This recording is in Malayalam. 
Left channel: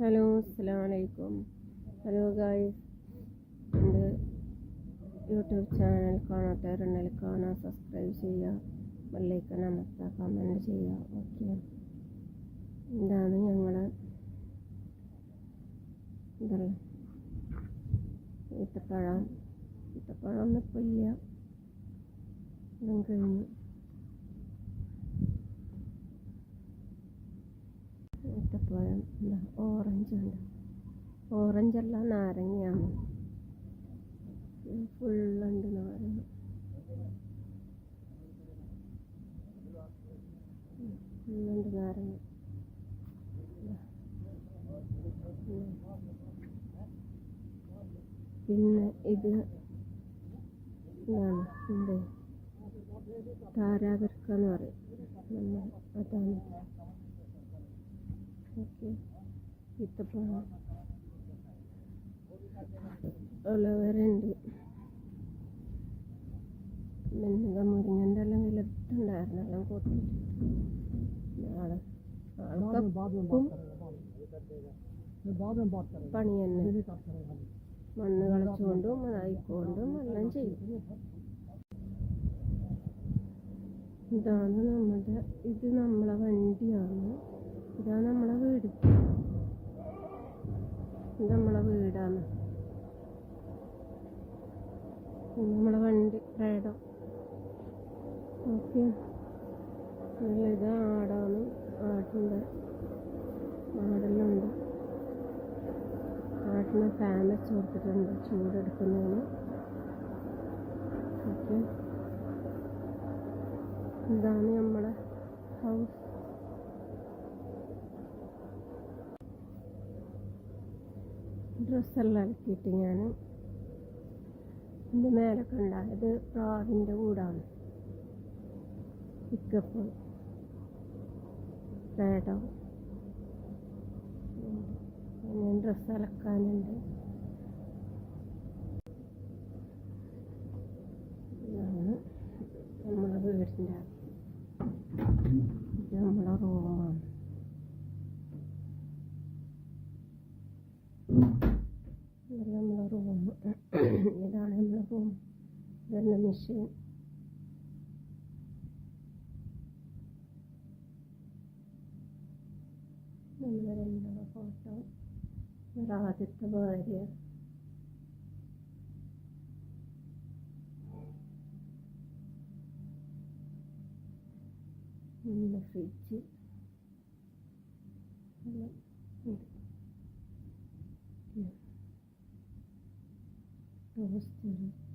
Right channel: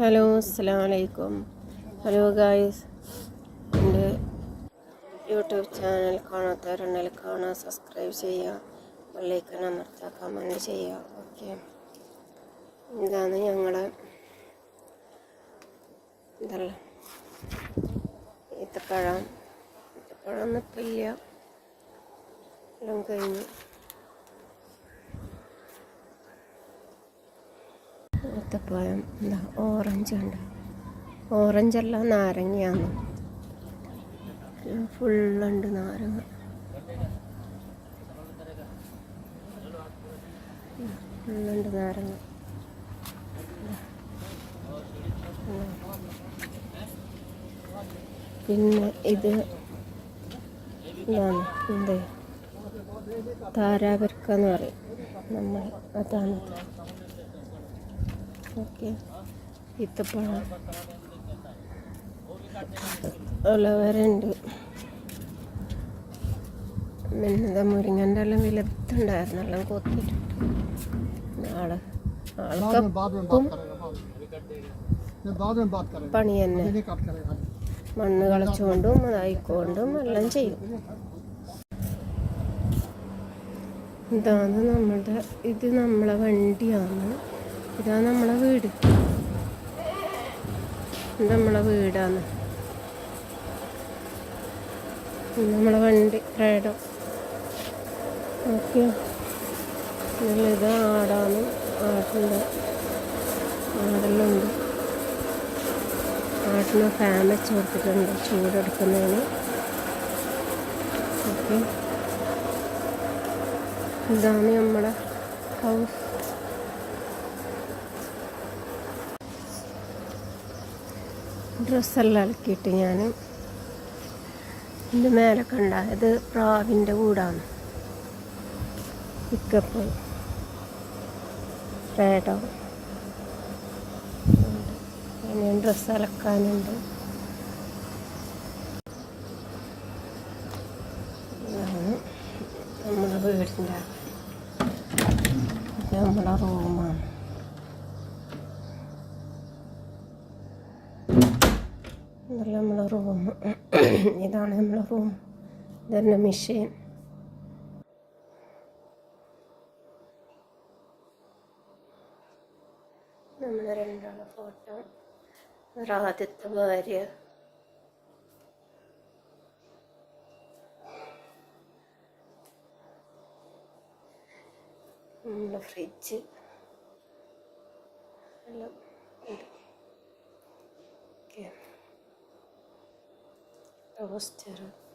ഹലോ അസ്സാം ഹലോ ഗായ്സ് എന്റെ യൂട്യൂബ് ചാനൽ കാണാത്തവരുണ്ടെങ്കിൽ കാണാൻ സബ്സ്ക്രൈബ് ചെയ്യുക ബെല്ലൈക്കൺ അമർത്തുക കമന്റ് ചെയ്യുക ഓക്കെ ഇതാണ് ഞങ്ങളെ ഇതല്ല ഈത്തപ്പഴം. ഈത്തപ്പഴം ഒന്നും ഇപ്പം ഇല്ല. എല്ലാം കഴിഞ്ഞു. ഈത്തപ്പഴം എന്താ ഓറഞ്ച് ഉണ്ട് ഓറഞ്ചല്ല നാരങ്ങയാണ്. ഫുള്ളുണ്ട് നാരങ്ങ. ഫുള്ളുണ്ട് നാരങ്ങ. പിന്നെ ഇത് ഇതാണ് എന്ത് താരാപരിക്ക പറയും. നമ്മൾ അതാണിത് ഓക്കെ. ഈത്തപ്പഴം. ഉലവരുണ്ട്. പിന്നെന്താ മുരിങ്ങന്റെ എല്ലാം വിലത്തുണ്ടായിരുന്നു എല്ലാം കൊത്തിയിട്ടുണ്ട് ആൾ പണി തന്നെ. മണ്ണ് കളിച്ചുകൊണ്ടും അതായിക്കൊണ്ടും എല്ലാം ചെയ്യും. ഇതാണ് നമ്മുടെ ഇത് നമ്മളെ വണ്ടിയാണ്. ഇതാണ് നമ്മളെ വീട്. ഇത് നമ്മളെ വീടാണ്. ഇത് നമ്മളെ വണ്ടി റേഡോ. ഓക്കെ. ഇത് ആടാണ്. ആടുണ്ട് ആടെല്ലാം ആട്ടിന് ഫാൻ വെച്ച് കൊടുത്തിട്ടുണ്ട്. ചൂടെടുക്കുന്നതിന് ഓക്കെ. ഇതാണ് നമ്മുടെ ഹൗസ് ഡ്രസ്സെല്ലാം അലക്കിയിട്ട് ഞാൻ ഇതിന്റെ മേലെ കണ്ട ഇത് പ്രാവിന്റെ കൂടാണ്. പിക്കപ്പ് പേടോ ഞാൻ ഡ്രസ്സ് അലക്കാനുണ്ട്. ഇതാണ് നമ്മുടെ വീടിന്റെ നമ്മുടെ റൂമാണ് ഇതല്ല നമ്മളെ റൂം. ഇതാണ് നമ്മളെ റൂം. ഇതന്നെ മെഷീൻ നമ്മളെ രണ്ടാളെ ഫോട്ടോ ഒരാദ്യത്തെ ഭാര്യ. നമ്മുടെ ഫ്രിഡ്ജ് എല്ലാം ഓക്കെ ವ್ಯವಸ್ಥೆ ಇರುತ್ತೆ